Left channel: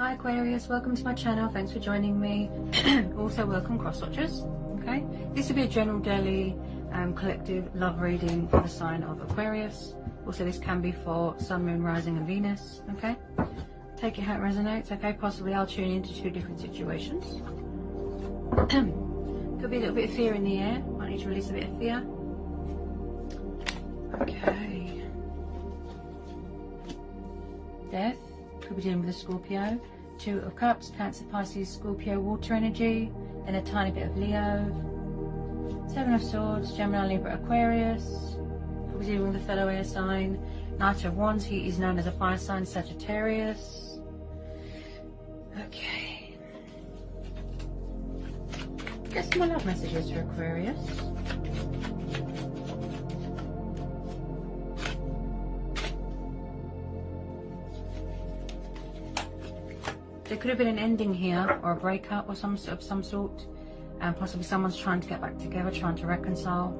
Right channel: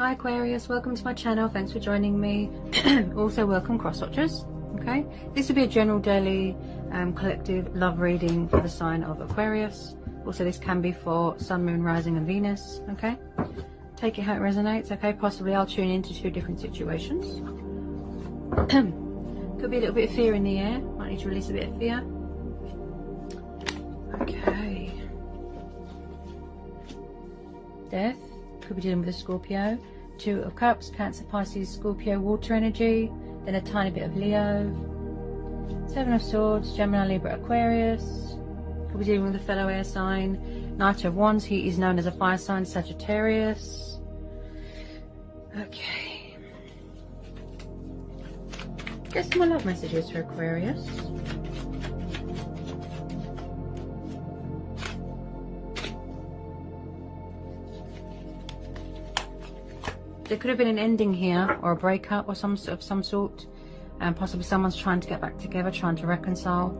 Hi Aquarius, welcome to my channel. Thanks for joining me. Also welcome cross watchers. Okay, this will be a general daily collective love reading for the sign of Aquarius. Also this can be for Sun, Moon, Rising and Venus. Okay, take it how it resonates. Okay, possibly I'll tune into two different situations. Could be a little bit of fear in the air. Might need to release a bit of fear. Okay, death. Could be dealing with a Scorpio. Two of Cups, Cancer, Pisces, Scorpio, water energy. Then a tiny bit of Leo. Seven of Swords, Gemini, Libra, Aquarius. Could be dealing with a fellow air sign. Knight of Wands, he is known as a fire sign, Sagittarius. Okay. Get some more love messages for Aquarius. There could have been an ending here, or a breakup of some sort, and possibly someone's trying to get back together, trying to reconcile,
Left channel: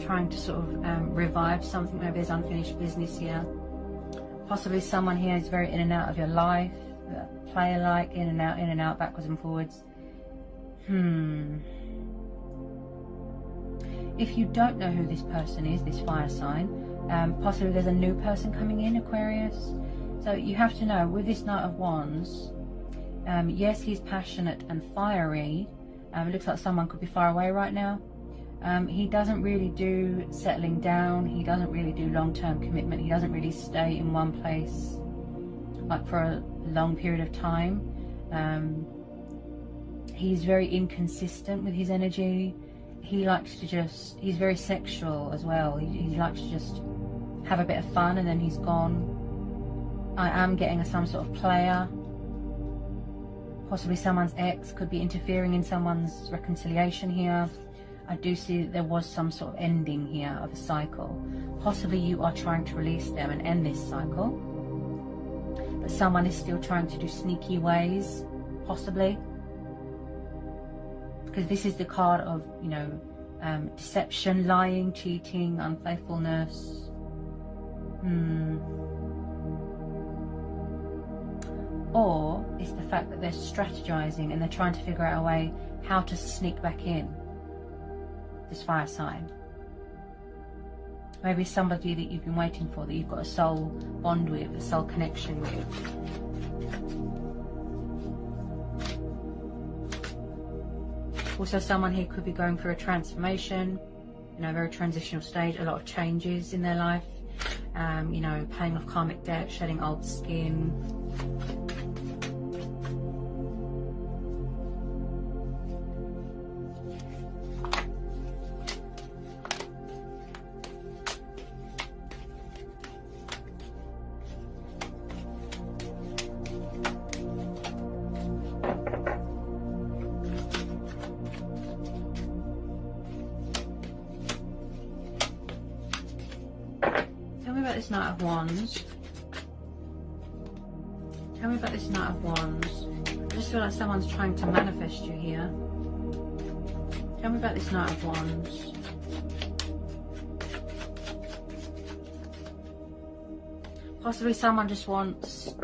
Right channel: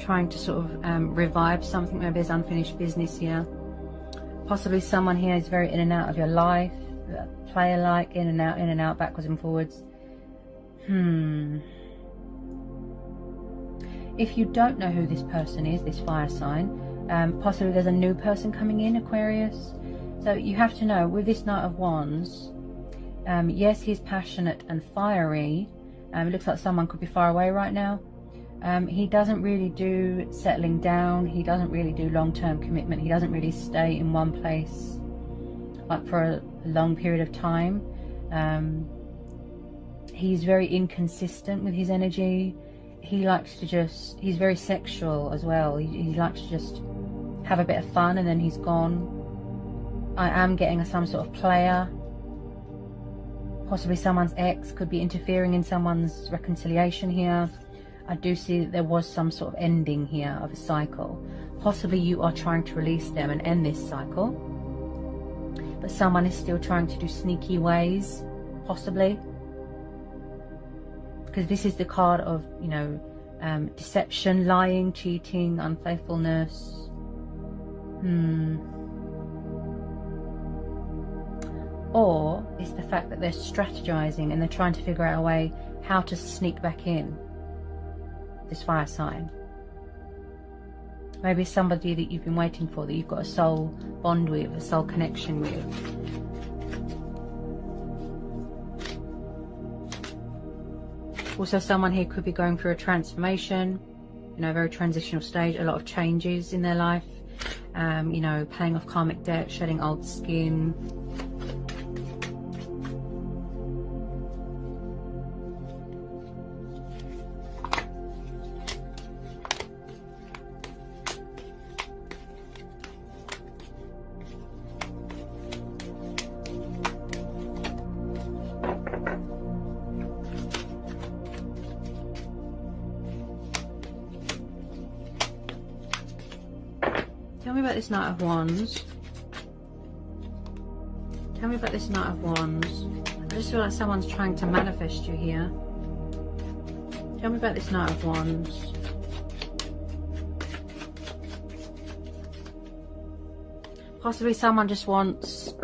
trying to sort of revive something. Maybe there's unfinished business here. Possibly someone here is very in and out of your life, player-like, in and out, backwards and forwards. If you don't know who this person is, this fire sign, possibly there's a new person coming in, Aquarius. So you have to know, with this Knight of Wands, yes, he's passionate and fiery. It looks like someone could be far away right now. He doesn't really do settling down. He doesn't really do long-term commitment. He doesn't really stay in one place like for a long period of time. He's very inconsistent with his energy. He likes to just, he's very sexual as well. He likes to just have a bit of fun and then he's gone. I am getting some sort of player. Possibly someone's ex could be interfering in someone's reconciliation here. I do see that there was some sort of ending here of a cycle. Possibly you are trying to release them and end this cycle. But someone is still trying to do sneaky ways, possibly. Because this is the card of, you know, deception, lying, cheating, unfaithfulness. Or it's the fact that they're strategizing and they're trying to figure out a way how to sneak back in, this fire sign. Maybe somebody that you've been waiting for, that you've got a soul bond with, a soul connection with. Also someone here could be going through a transformation, you know, a very transitional stage, a lot of changes in their life. You know, paying off karmic debt, shedding old skin. Tell me about this Knight of Wands. Tell me about this Knight of Wands. I just feel like someone's trying to manifest you here. Tell me about this Knight of Wands. Possibly someone just wants...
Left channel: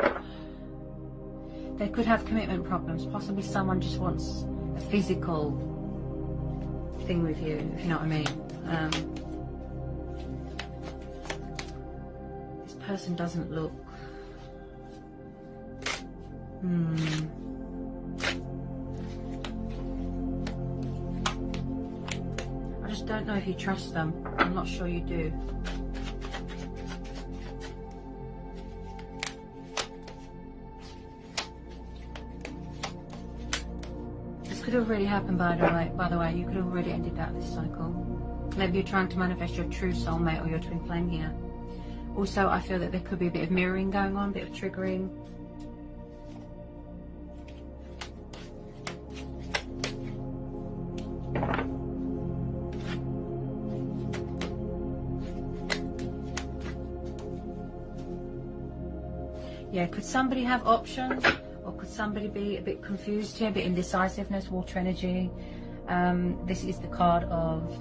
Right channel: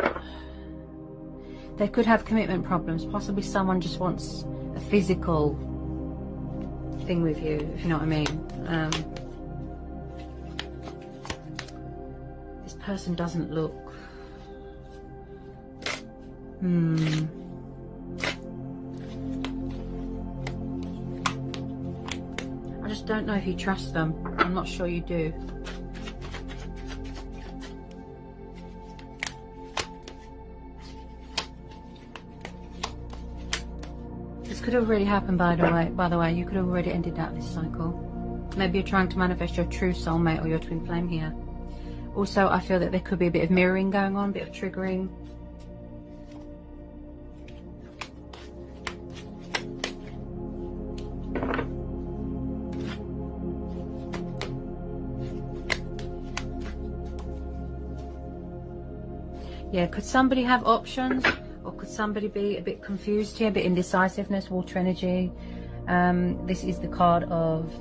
They could have commitment problems. Possibly someone just wants a physical thing with you, if you know what I mean. Person doesn't look I just don't know if you trust them. I'm not sure you do. This could have already happened, by the way. You could have already ended that this cycle. Maybe you're trying to manifest your true soulmate or your twin flame here. Also, I feel that there could be a bit of mirroring going on, a bit of triggering. Yeah, could somebody have options? Or could somebody be a bit confused here, a bit indecisiveness, water energy? This is the card of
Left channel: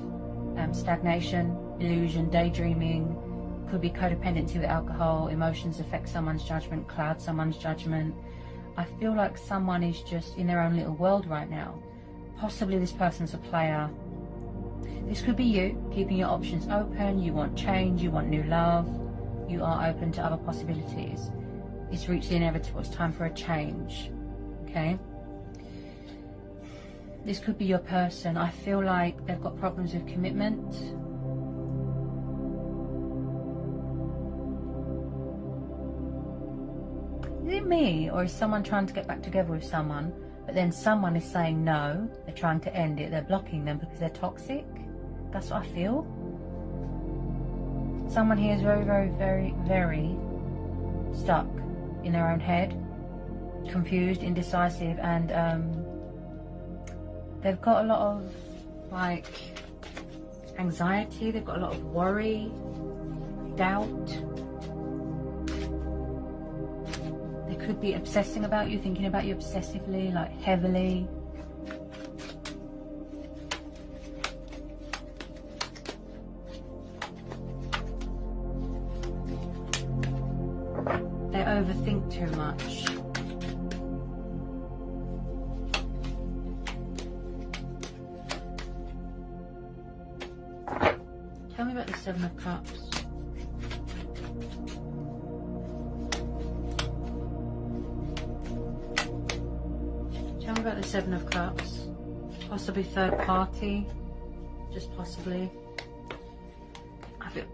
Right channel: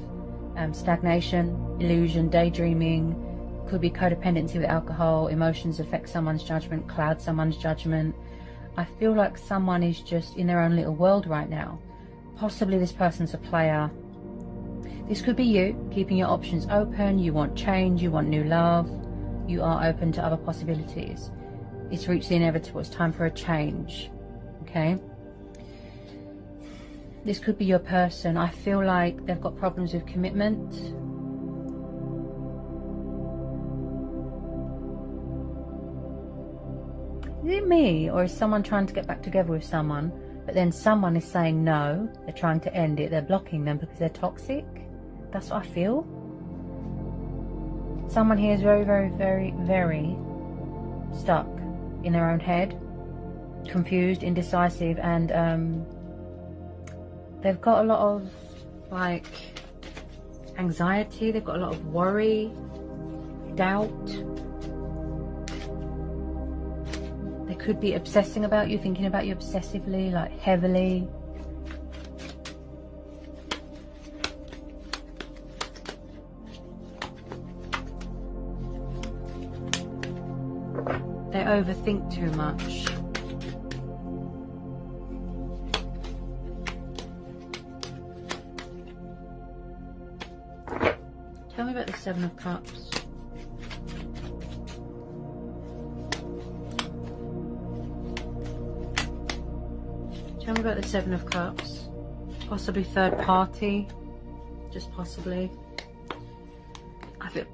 stagnation, illusion, daydreaming. Could be codependency with alcohol. Emotions affect someone's judgment, cloud someone's judgment. I feel like someone is just in their own little world right now. Possibly this person's a player. This could be you, keeping your options open. You want change, you want new love. You are open to other possibilities. It's reached the inevitable. It's time for a change. Okay? This could be your person. I feel like they've got problems with commitment. Is it me, or is someone trying to get back together with someone, but then someone is saying no, they're trying to end it, they're blocking them because they're toxic? That's what I feel. Someone here is very, very, very, very stuck in their own head, confused, indecisive, and they've got a lot of like anxiety, they've got a lot of worry, doubt. They could be obsessing about you, thinking about you obsessively, like heavily. They overthink too much. Tell me about the Seven of Cups. Tell me about the Seven of Cups. Possibly third party. Just possibly. I feel...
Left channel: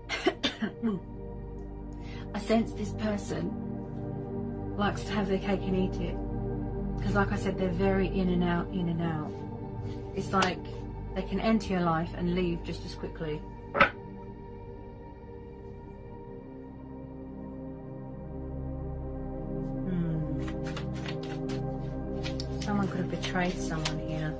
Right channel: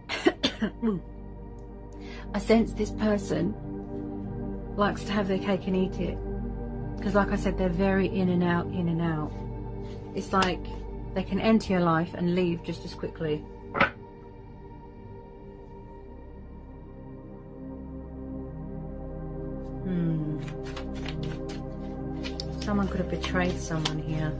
I sense this person likes to have their cake and eat it. Because like I said, they're very in and out, in and out. It's like they can enter your life and leave just as quickly. Someone could have betrayed someone here.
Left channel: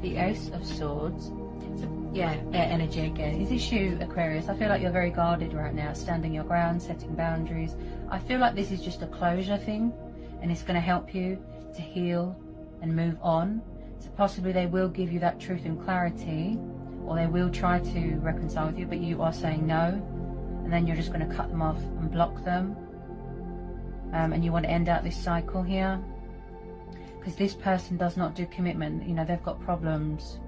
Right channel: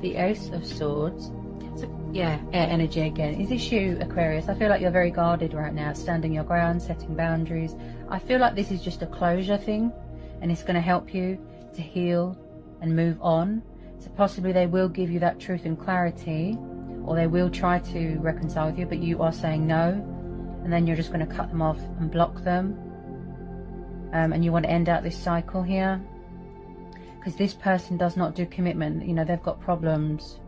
The Ace of Swords. So, yeah, air energy again. Is this you, Aquarius? I feel like you're very guarded right now, standing your ground, setting boundaries. I feel like this is just a closure thing, and it's going to help you to heal and move on. So possibly they will give you that truth and clarity, or they will try to reconcile with you, but you are saying no, and then you're just going to cut them off and block them. And you want to end out this cycle here. Because this person does not do commitment. You know, they've got problems.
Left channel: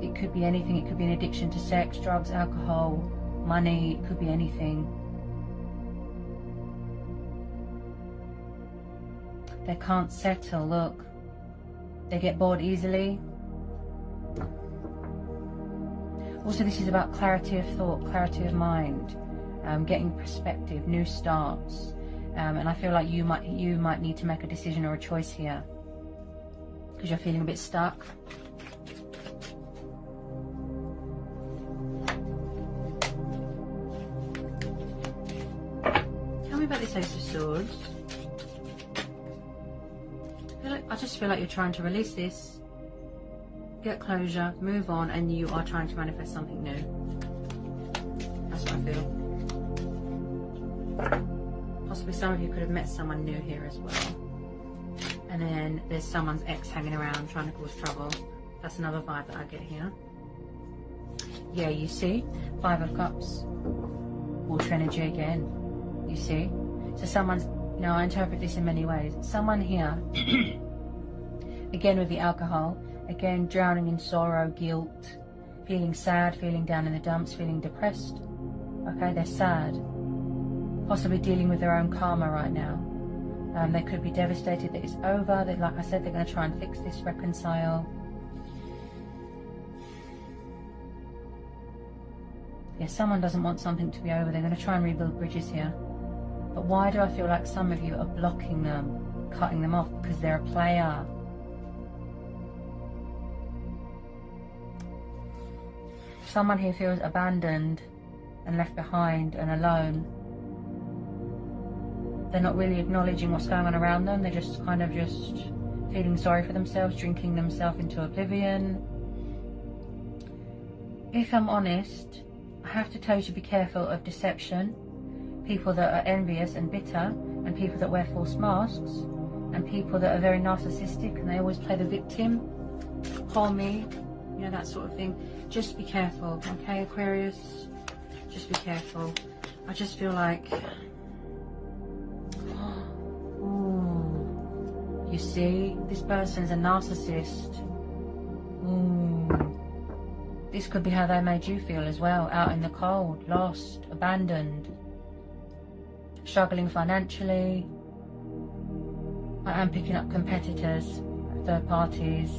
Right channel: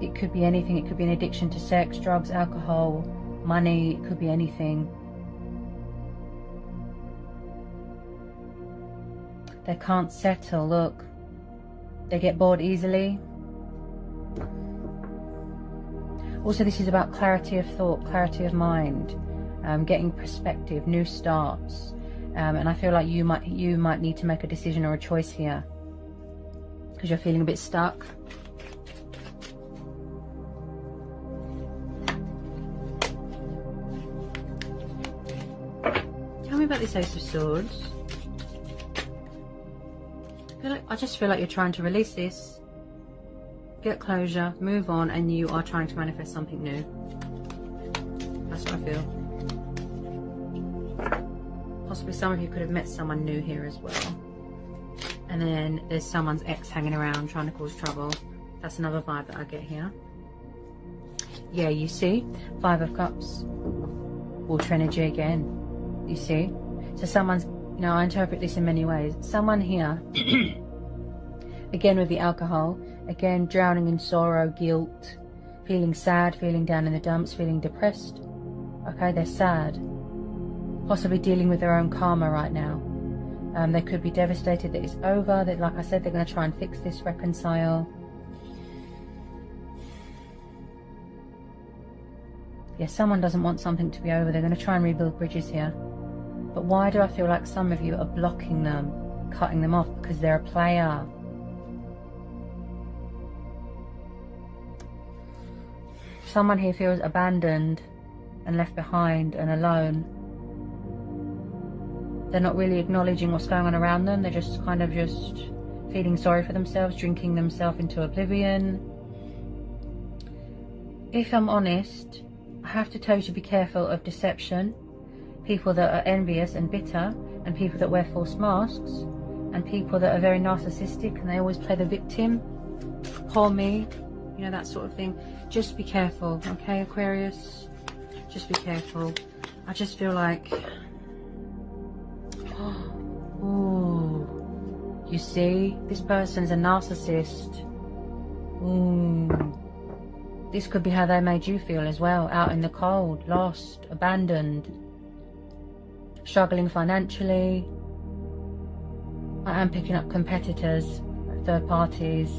It could be anything. It could be an addiction to sex, drugs, alcohol, money. It could be anything. They can't settle. Look. They get bored easily. Also, this is about clarity of thought, clarity of mind, getting perspective, new starts. And I feel like you might need to make a decision or a choice here because you're feeling a bit stuck. Tell me about this Ace of Swords. I just feel like you're trying to release this, get closure, move on, and you are trying to manifest something new. That's what I feel. Possibly some of you could have met someone new here as well. And then there's someone's ex hanging around trying to cause trouble. That's another vibe that I get here. Yeah, you see? Five of Cups. Water energy again. You see? So someone's... Now, I interpret this in many ways. Someone here, again with the alcohol, again drowning in sorrow, guilt, feeling sad, feeling down in the dumps, feeling depressed. Okay, they're sad. Possibly dealing with their own karma right now. They could be devastated that it's over. That, like I said, they're going to try and fix this, reconcile. Yeah, someone doesn't want something to be over. They're going to try and rebuild bridges here. But why do I feel like some of you are blocking them, cutting them off? Because they're a player. Someone here feels abandoned and left behind and alone. They're not really acknowledging what's going on around them. They're just kind of just feeling sorry for themselves, drinking themselves into oblivion. If I'm honest, I have to tell you to be careful of deception, people that are envious and bitter, and people that wear false masks, and people that are very narcissistic and they always play the victim. Poor me, you know, that sort of thing. Just be careful, okay, Aquarius? Just be careful. I just feel like, ooh, you see, this person's a narcissist. This could be how they made you feel as well, out in the cold, lost, abandoned, struggling financially. I am picking up competitors, third parties,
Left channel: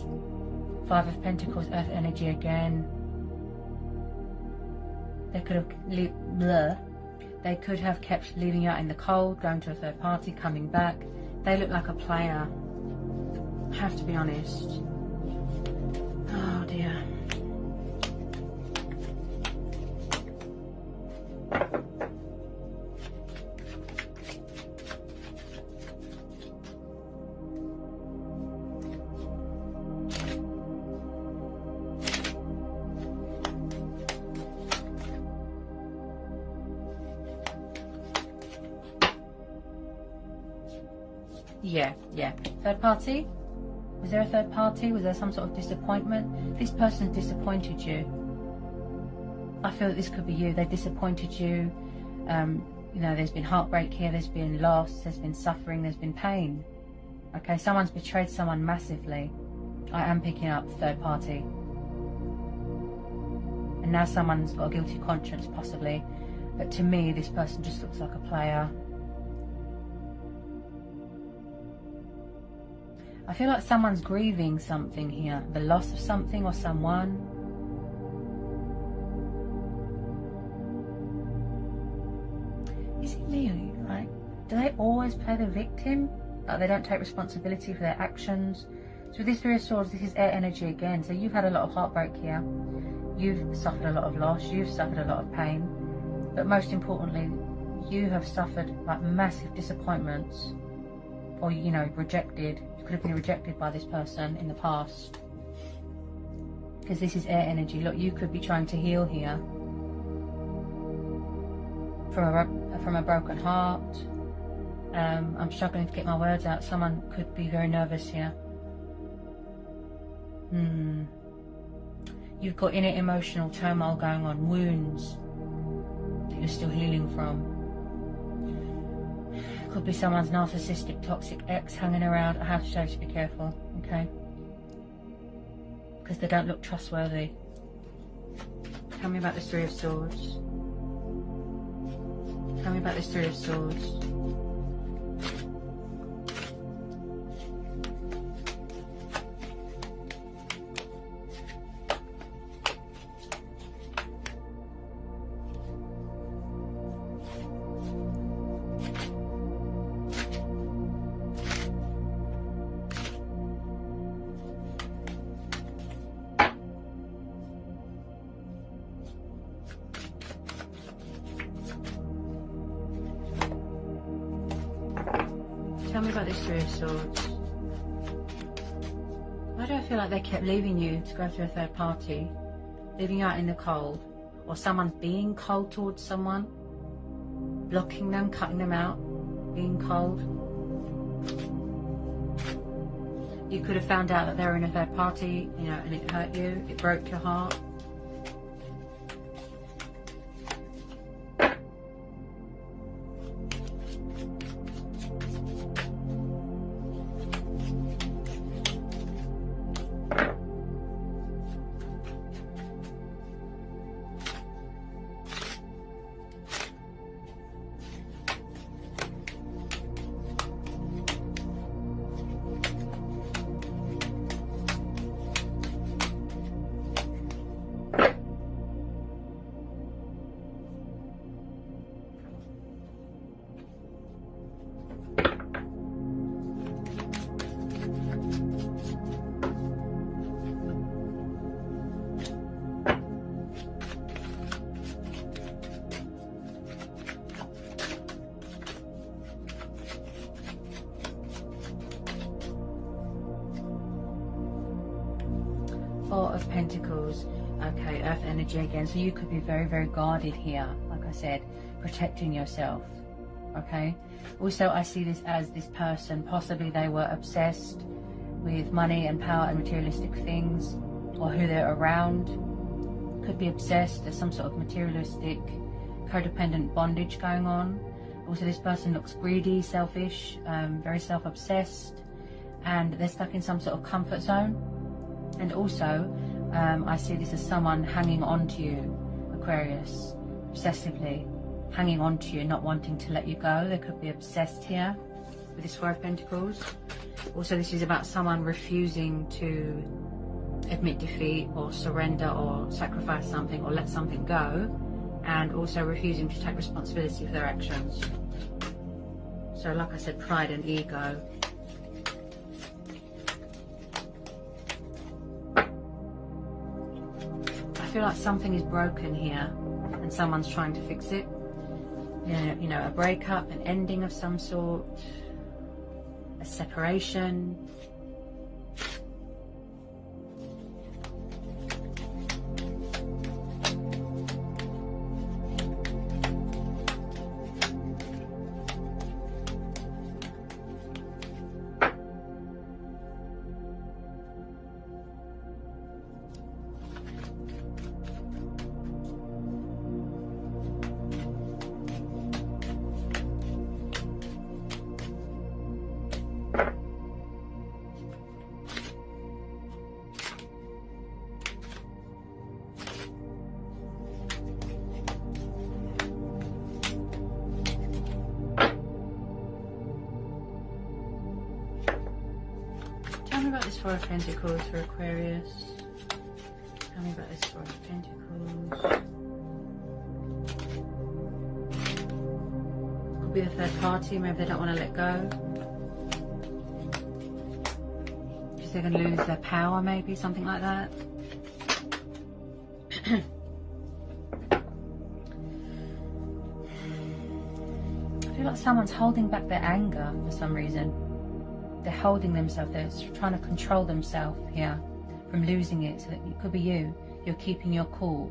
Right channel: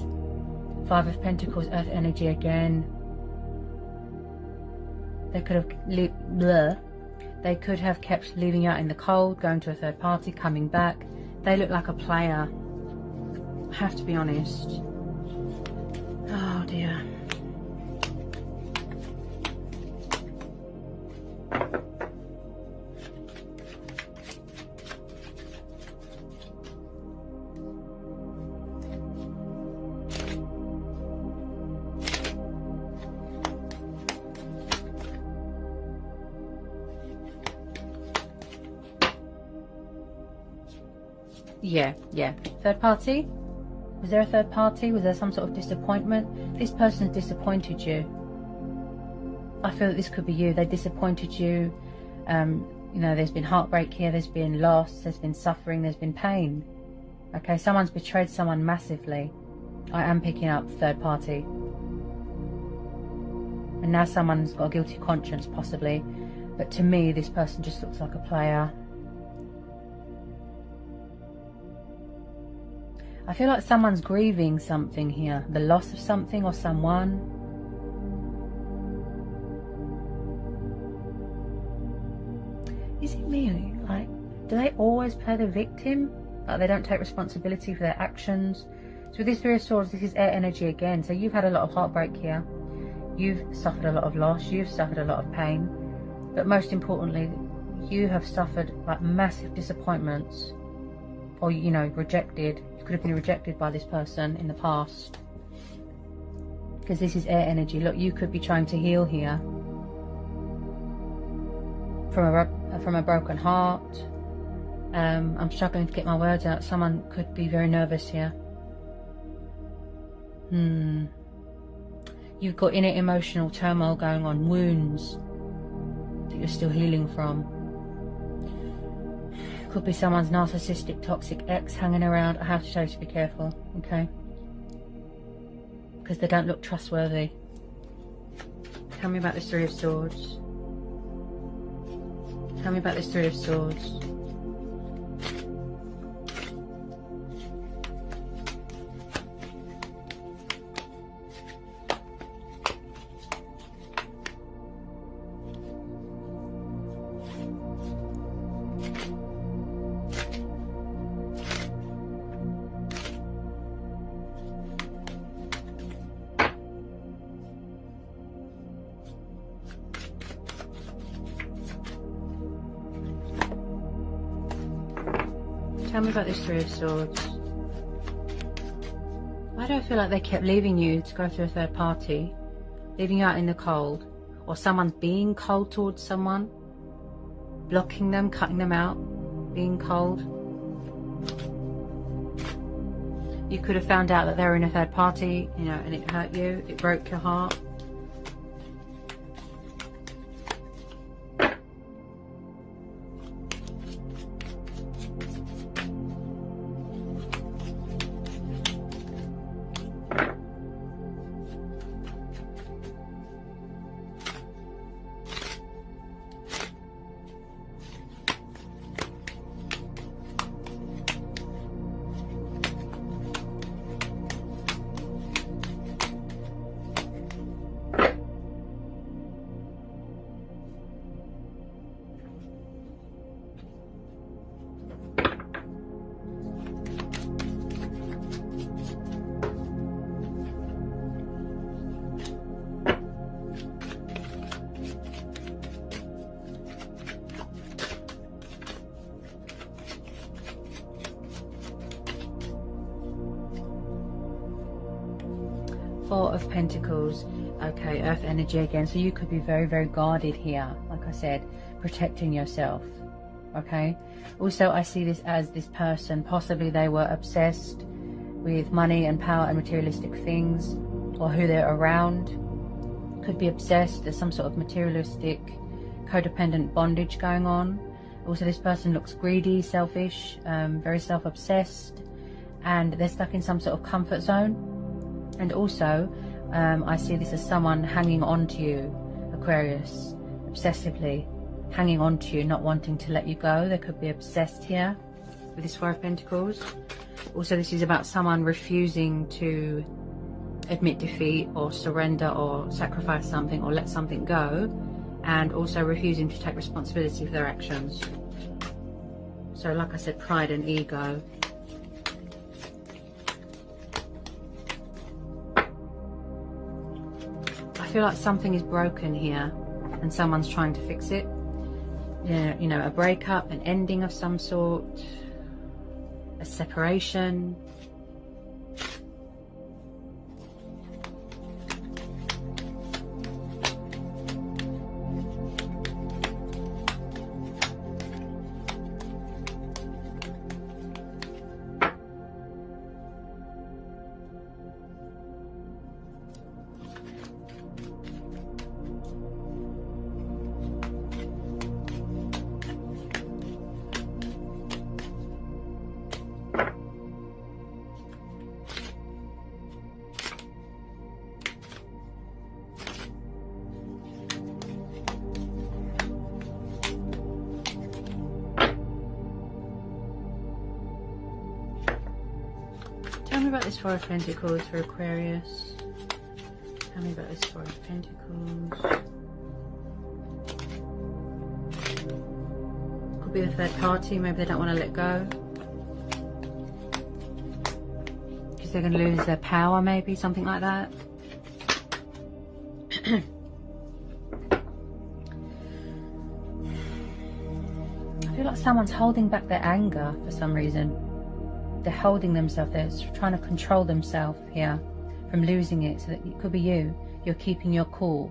5 of Pentacles, Earth energy again. They could have kept leaving you out in the cold, going to a third party, coming back. They look like a player. I have to be honest. Oh dear. Yeah. Third party? Was there a third party? Was there some sort of disappointment? This person has disappointed you. I feel that this could be you. They disappointed you. You know, there's been heartbreak here. There's been loss. There's been suffering. There's been pain. Okay, someone's betrayed someone massively. I am picking up third party. And now someone's got a guilty conscience, possibly. But to me, this person just looks like a player. I feel like someone's grieving something here. The loss of something or someone. Is it me? Like, do they always play the victim? Like they don't take responsibility for their actions? So with this Three of Swords, this is air energy again. So you've had a lot of heartbreak here. You've suffered a lot of loss. You've suffered a lot of pain. But most importantly, you have suffered like massive disappointments. Or, you know, rejected. You could have been rejected by this person in the past. Because this is air energy. Look, you could be trying to heal here. From a broken heart. I'm struggling to get my words out. Someone could be very nervous here. You've got inner emotional turmoil going on. Wounds that you're still healing from. Could be someone's narcissistic, toxic ex hanging around. I have to show you to be careful, okay? Because they don't look trustworthy. Tell me about this Three of Swords. Tell me about this Three of Swords. Tell me about this Three of Swords. Why do I feel like they kept leaving you to go to a third party? Leaving you out in the cold? Or someone's being cold towards someone? Blocking them, cutting them out? Being cold? You could have found out that they were in a third party, you know, and it hurt you. It broke your heart. Four of Pentacles. Okay, Earth energy again. So you could be very, very guarded here. Like I said, protecting yourself. Okay. Also, I see this as this person, possibly they were obsessed with money and power and materialistic things, or who they're around. Could be obsessed. There's some sort of materialistic, codependent bondage going on. Also, this person looks greedy, selfish, very self-obsessed, and they're stuck in some sort of comfort zone. And also, I see this as someone hanging on to you, Aquarius, obsessively hanging on to you, not wanting to let you go. They could be obsessed here with this Four of Pentacles. Also, this is about someone refusing to admit defeat or surrender or sacrifice something or let something go, and also refusing to take responsibility for their actions. So like I said, pride and ego. I feel like something is broken here and someone's trying to fix it. Yeah, you know, a breakup, an ending of some sort, a separation. Tell me about this Four of Pentacles for Aquarius. Tell me about this Four of Pentacles. Could be a third party, maybe they don't want to let go. Because they're going to lose their power, maybe, something like that. I feel like someone's holding back their anger for some reason. They're holding themselves, they're trying to control themselves here from losing it. So that it could be you. You're keeping your cool.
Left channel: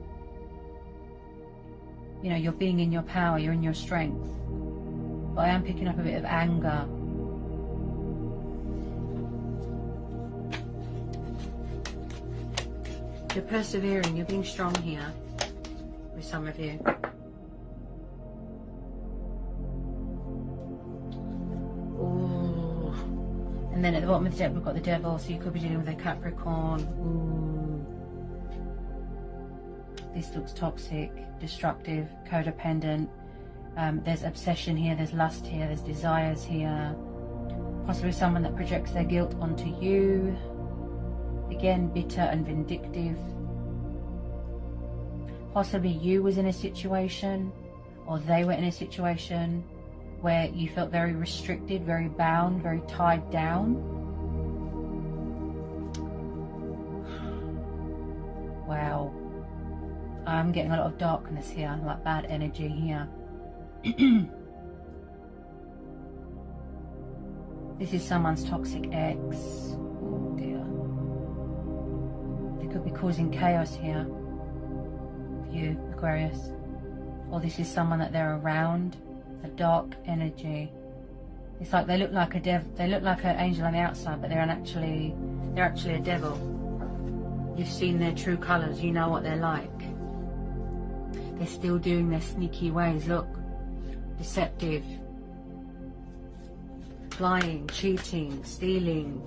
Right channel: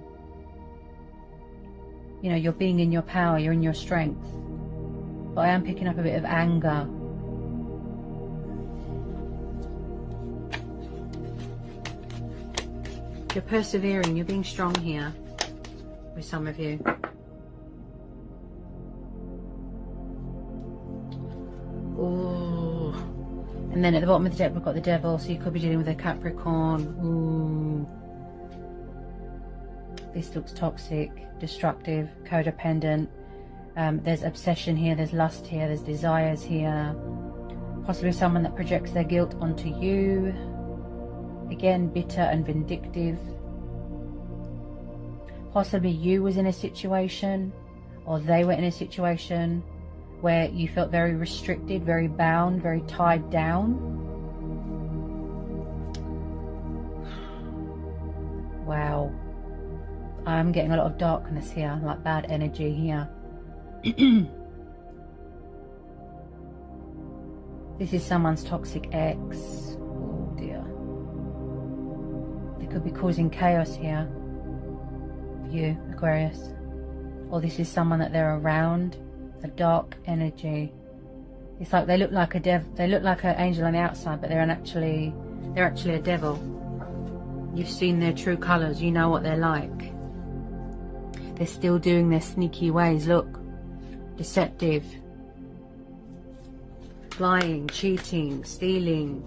You know, you're being in your power, you're in your strength. But I am picking up a bit of anger. You're persevering, you're being strong here with some of you. Ooh. And then at the bottom of the deck we've got the Devil, so you could be dealing with a Capricorn. Ooh. This looks toxic, destructive, codependent. There's obsession here, there's lust here, there's desires here. Possibly someone that projects their guilt onto you. Again, bitter and vindictive. Possibly you was in a situation, or they were in a situation where you felt very restricted, very bound, very tied down. Wow. I'm getting a lot of darkness here, like bad energy here. This is someone's toxic ex. Oh dear. They could be causing chaos here for you, Aquarius. Or this is someone that they're around. A dark energy. It's like they look like a they look like an angel on the outside, but they're actually a devil. You've seen their true colours, you know what they're like. They're still doing their sneaky ways, look. Deceptive. Lying, cheating, stealing.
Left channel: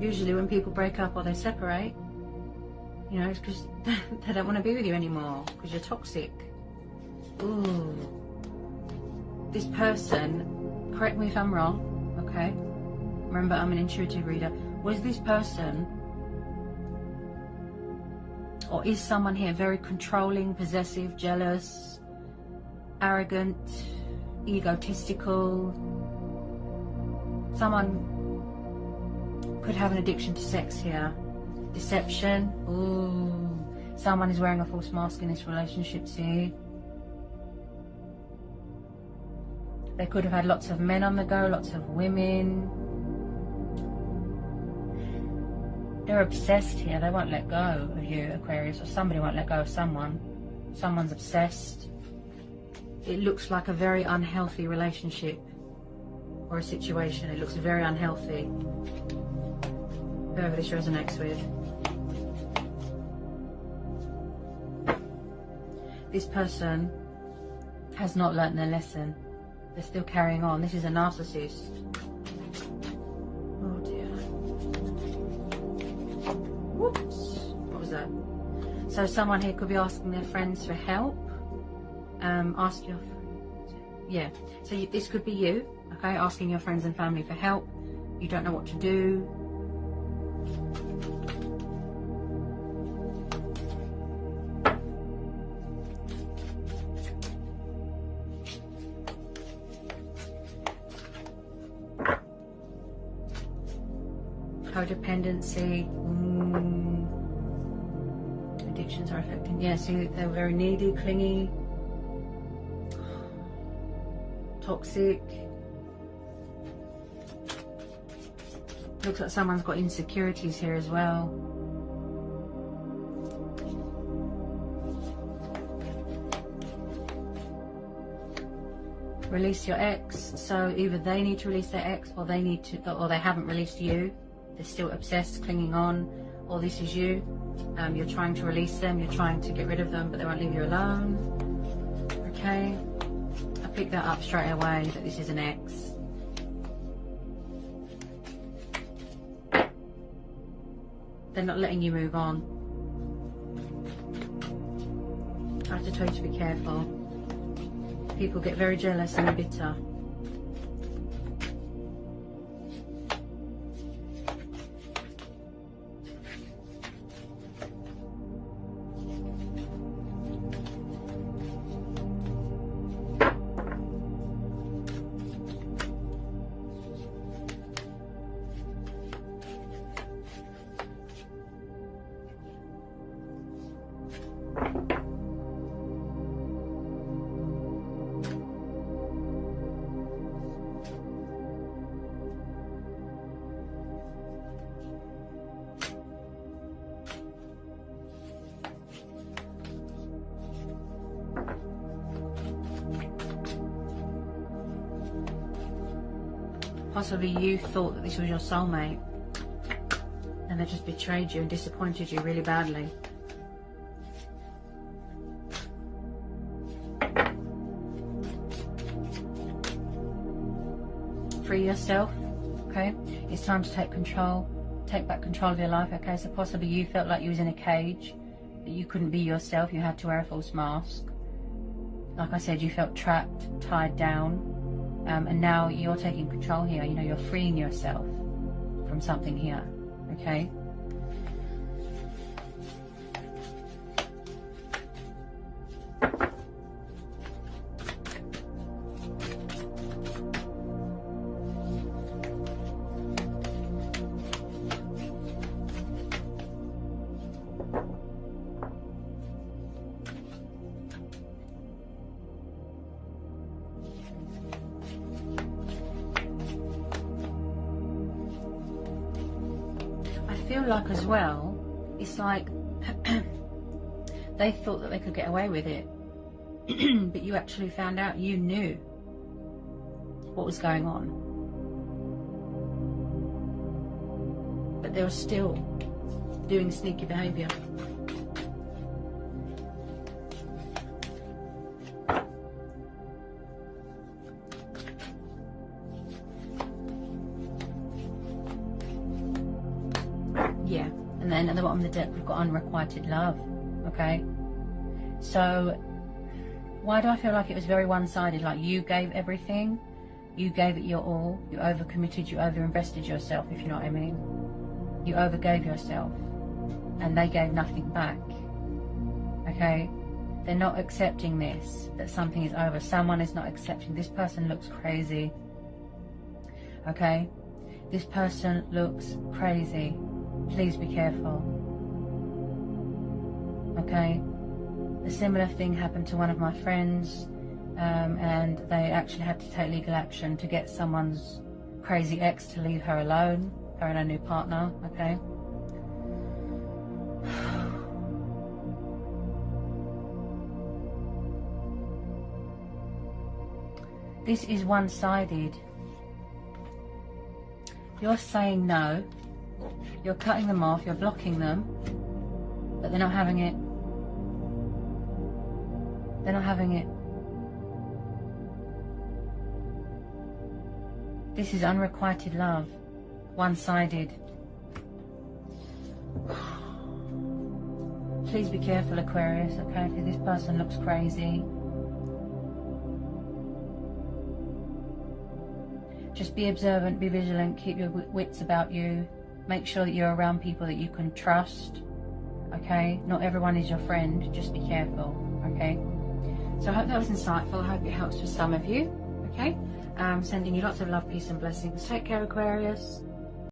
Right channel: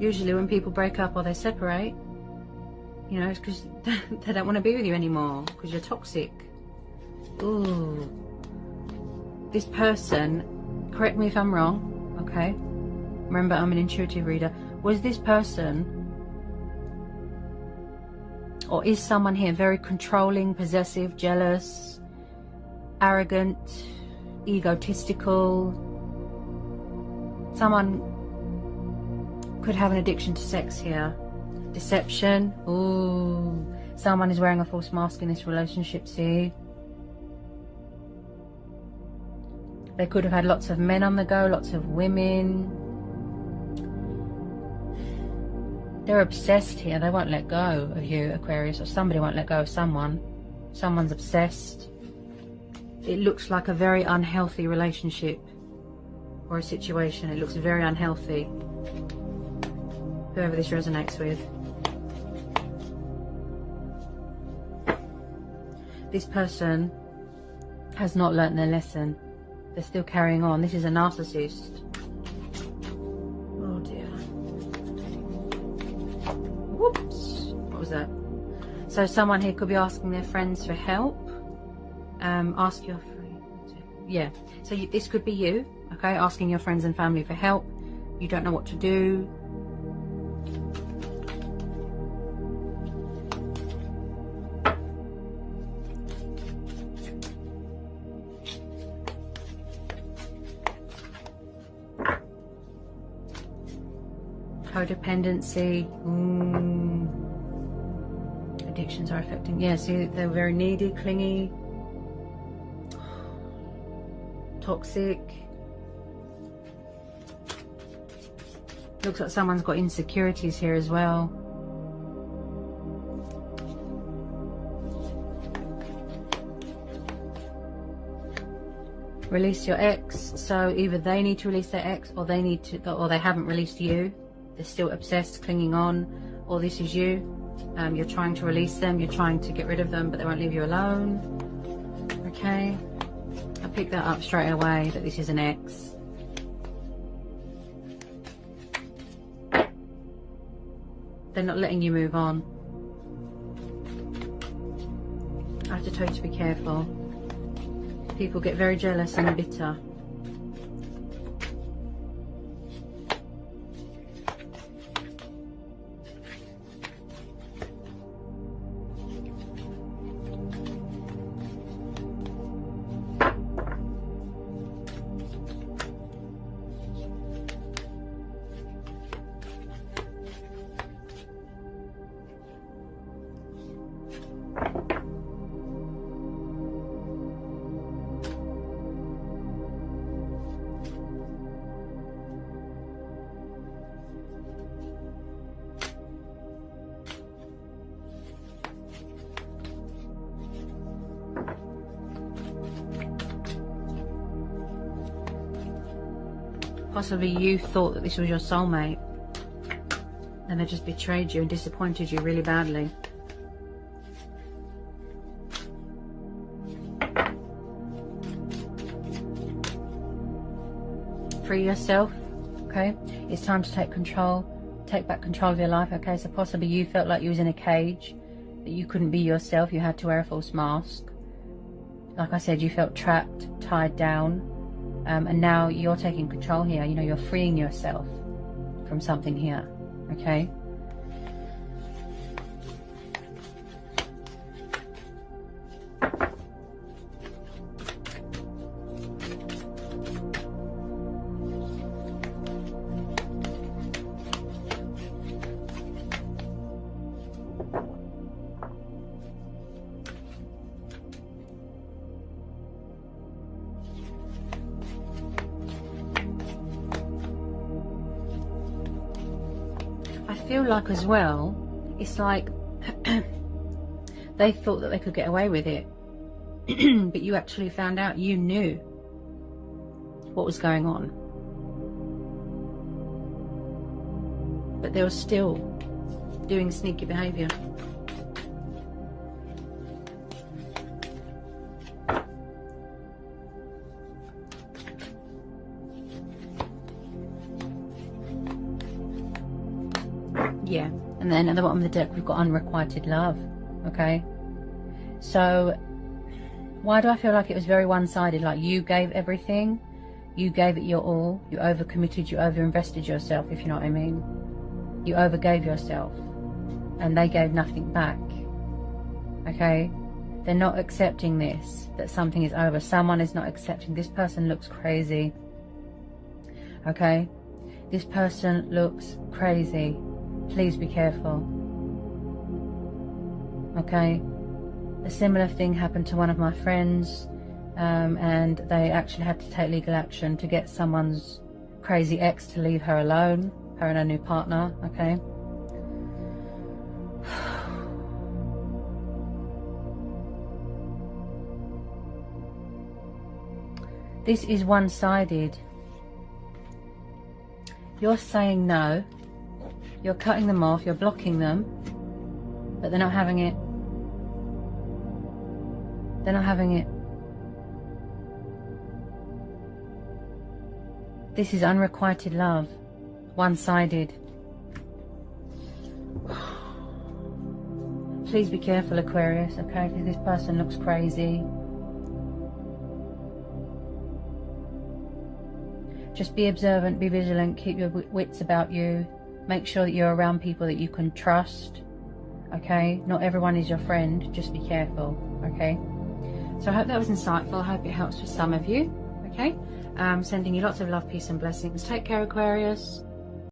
Usually when people break up or they separate, you know, it's because they don't want to be with you anymore, because you're toxic. Ooh. This person, correct me if I'm wrong, okay? Remember, I'm an intuitive reader. Was this person, or is someone here very controlling, possessive, jealous, arrogant, egotistical? Someone could have an addiction to sex here. Deception. Ooh. Someone is wearing a false mask in this relationship, see? They could have had lots of men on the go, lots of women. They're obsessed here. They won't let go of you, Aquarius, or somebody won't let go of someone. Someone's obsessed. It looks like a very unhealthy relationship or a situation. It looks very unhealthy. Whoever this resonates with. This person has not learnt their lesson. They're still carrying on. This is a narcissist. Oh dear. Whoops. What was that? So someone here could be asking their friends for help. Ask your friends. Yeah. So this could be you, okay? Asking your friends and family for help. You don't know what to do. Codependency. Addictions are affecting. Yeah, see, they're very needy, clingy, toxic. Looks like someone's got insecurities here as well. Release your ex. So either they need to release their ex, or they need to, or they haven't released you. They're still obsessed, clinging on, or this is you. You're trying to release them, you're trying to get rid of them, but they won't leave you alone. Okay, I picked that up straight away, that this is an ex. They're not letting you move on. I have to tell you to be careful. People get very jealous and bitter. Possibly you thought that this was your soulmate and they just betrayed you and disappointed you really badly. Free yourself, okay? It's time to take control, take back control of your life, okay? So possibly you felt like you was in a cage, that you couldn't be yourself, you had to wear a false mask. Like I said, you felt trapped, tied down. And now you're taking control here. You know, you're freeing yourself from something here, okay? I feel like as well, it's like they thought that they could get away with it, but you actually found out, you knew what was going on, but they were still doing sneaky behaviour. Yeah, and then at the bottom of the deck we've got unrequited love, okay? So why do I feel like it was very one-sided? Like you gave everything, you gave it your all, you overcommitted, you overinvested yourself, if you know what I mean. You overgave yourself and they gave nothing back, okay? They're not accepting this, that something is over. Someone is not accepting. This person looks crazy, okay? This person looks crazy. Please be careful, okay? A similar thing happened to one of my friends. and they actually had to take legal action to get someone's crazy ex to leave her alone, her and her new partner, okay? This is one-sided. You're saying no, you're cutting them off, you're blocking them, but they're not having it. They're not having it. This is unrequited love, one-sided. Please be careful, Aquarius, okay, because this person looks crazy. Just be observant, be vigilant, keep your wits about you. Make sure that you're around people that you can trust, okay? Not everyone is your friend, just be careful, okay? So I hope that was insightful. I hope it helps for some of you, okay? Sending you lots of love, peace and blessings. Take care, Aquarius.